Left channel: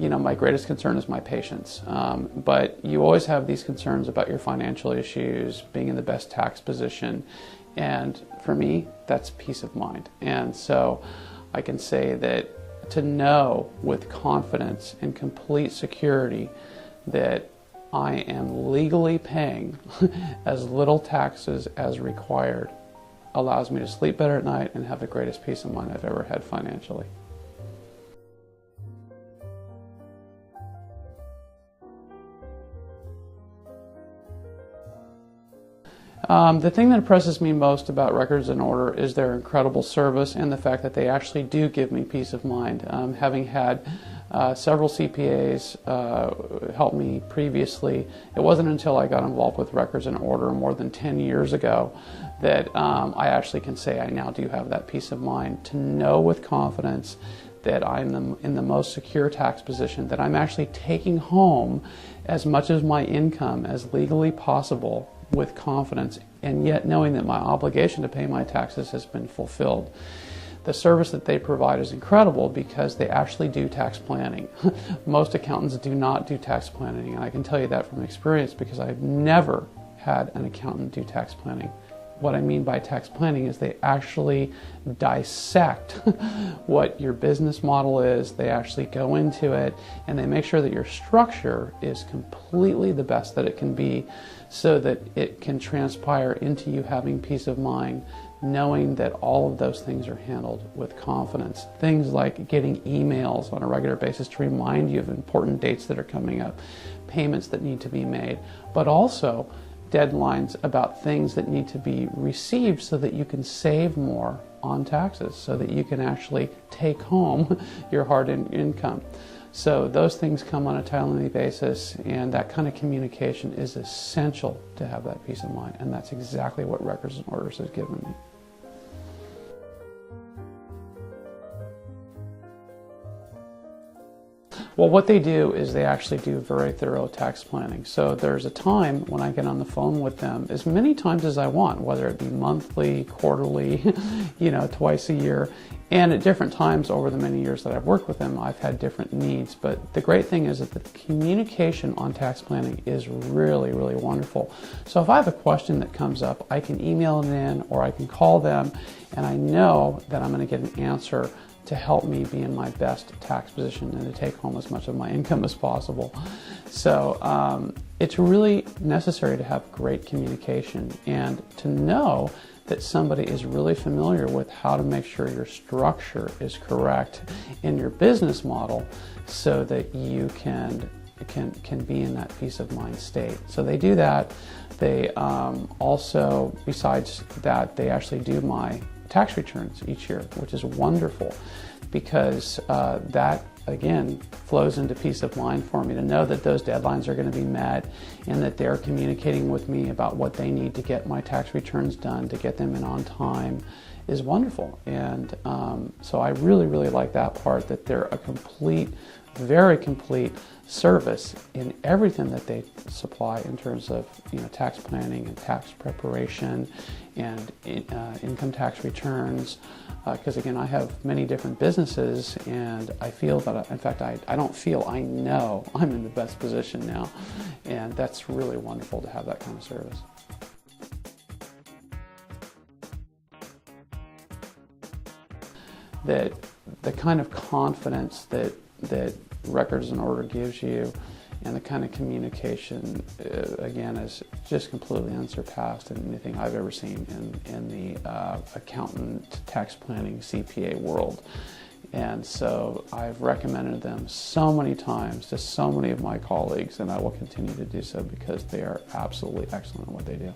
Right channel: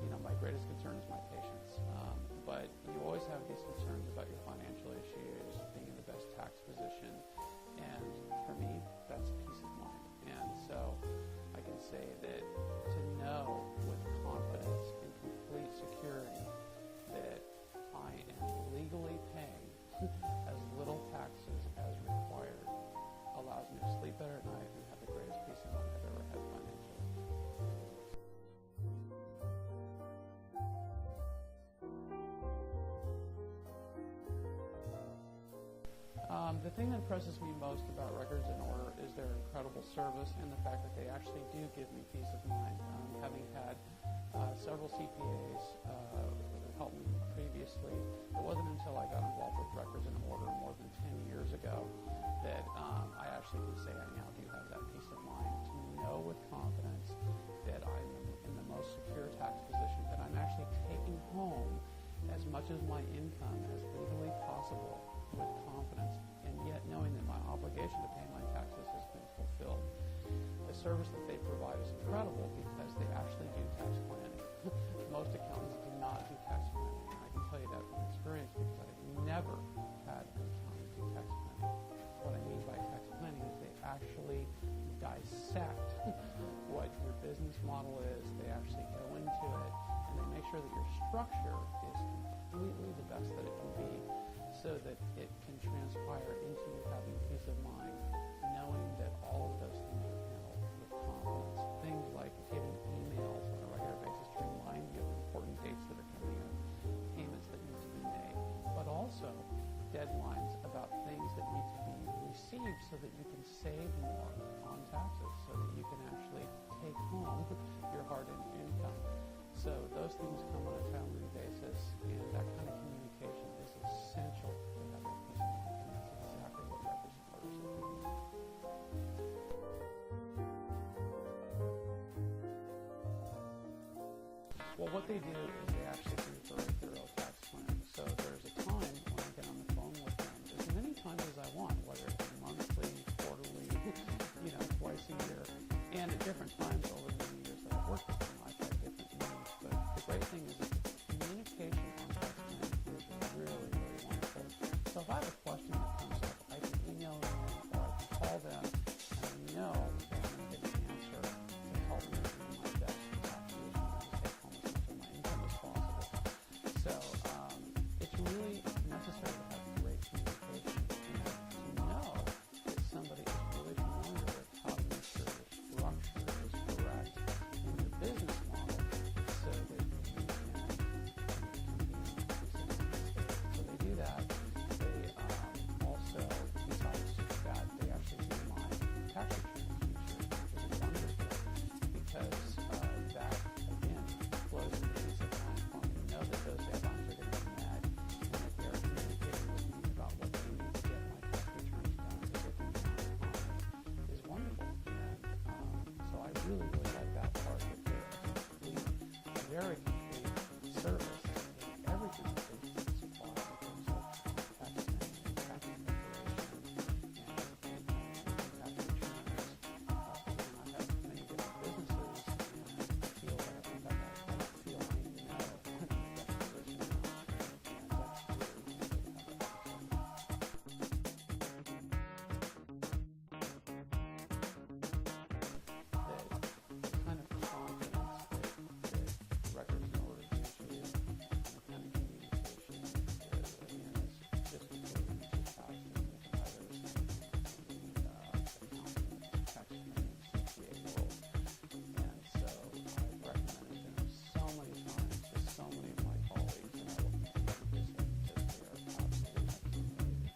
You know, my greatest concern is my patients, but you always have these concerns about your financial issues, being in the best tax position, and for me, that's peace of mind. And so I can say that to know with confidence and complete security that I am legally paying as little taxes as required allows me to sleep better at night and have the greatest peace of mind I've ever had financially. The thing that impresses me most about Records in Order is their incredible service and the fact that they actually do give me peace of mind. Having had several CPAs help me previously, it wasn't until I got involved with Records in Order more than 10 years ago that I actually can say I now do have that peace of mind to know with confidence that I'm in the most secure tax position, that I'm actually taking home as much of my income as legally possible with confidence, and yet knowing that my obligation to pay my taxes has been fulfilled. The service that they provide is incredible because they actually do tax planning. Most accountants do not do tax planning, and I can tell you that from experience because I've never had an accountant do tax planning. What I mean by tax planning is they actually dissect what your business model is, they actually go into it, and they make sure that your structure is completely the best that it can be so that it can transpire into you having peace of mind, knowing that all of those things are handled with confidence. Things like getting emails on a regular basis to remind you of important dates that are coming up, payments that need to be made, but also deadlines about things that need to be received so that you can save more on taxes, so that you can actually take home your hard-earned income. So those things come on a timely basis, and that kind of communication is essential to have that peace of mind, and that's exactly what Records and Orders has given me. Well, what they do is they actually do very thorough tax planning. So there's a time when I get on the phone with them as many times as I want, whether it be monthly, quarterly, twice a year. And at different times over the many years that I've worked with them, I've had different needs. But the great thing is that the communication on tax planning is really, really wonderful. So if I have a question that comes up, I can email them in or I can call them, and I know that I'm going to get an answer to help me be in my best tax position and to take home as much of my income as possible. So it's really necessary to have great communication and to know that somebody is really familiar with how to make sure your structure is correct in your business model so that you can be in that peace of mind state. So they do that. They also, besides that, they actually do my tax returns each year, which is wonderful because that, again, flows into peace of mind for me to know that those deadlines are going to be met and that they're communicating with me about what they need to get my tax returns done, to get them in on time, is wonderful. And so I really, really like that part, that they're a complete, very complete service in everything that they supply in terms of tax planning and tax preparation and income tax returns. Because again, I have many different businesses, and I feel that, in fact, I don't feel, I know I'm in the best position now, and that's really wonderful to have that kind of service. That the kind of confidence that Records in Order gives you, and the kind of communication, again, is just completely unsurpassed in anything I've ever seen in the accountant, tax planning, CPA world. And so I've recommended them so many times to so many of my colleagues, and I will continue to do so because they are absolutely excellent at what they do.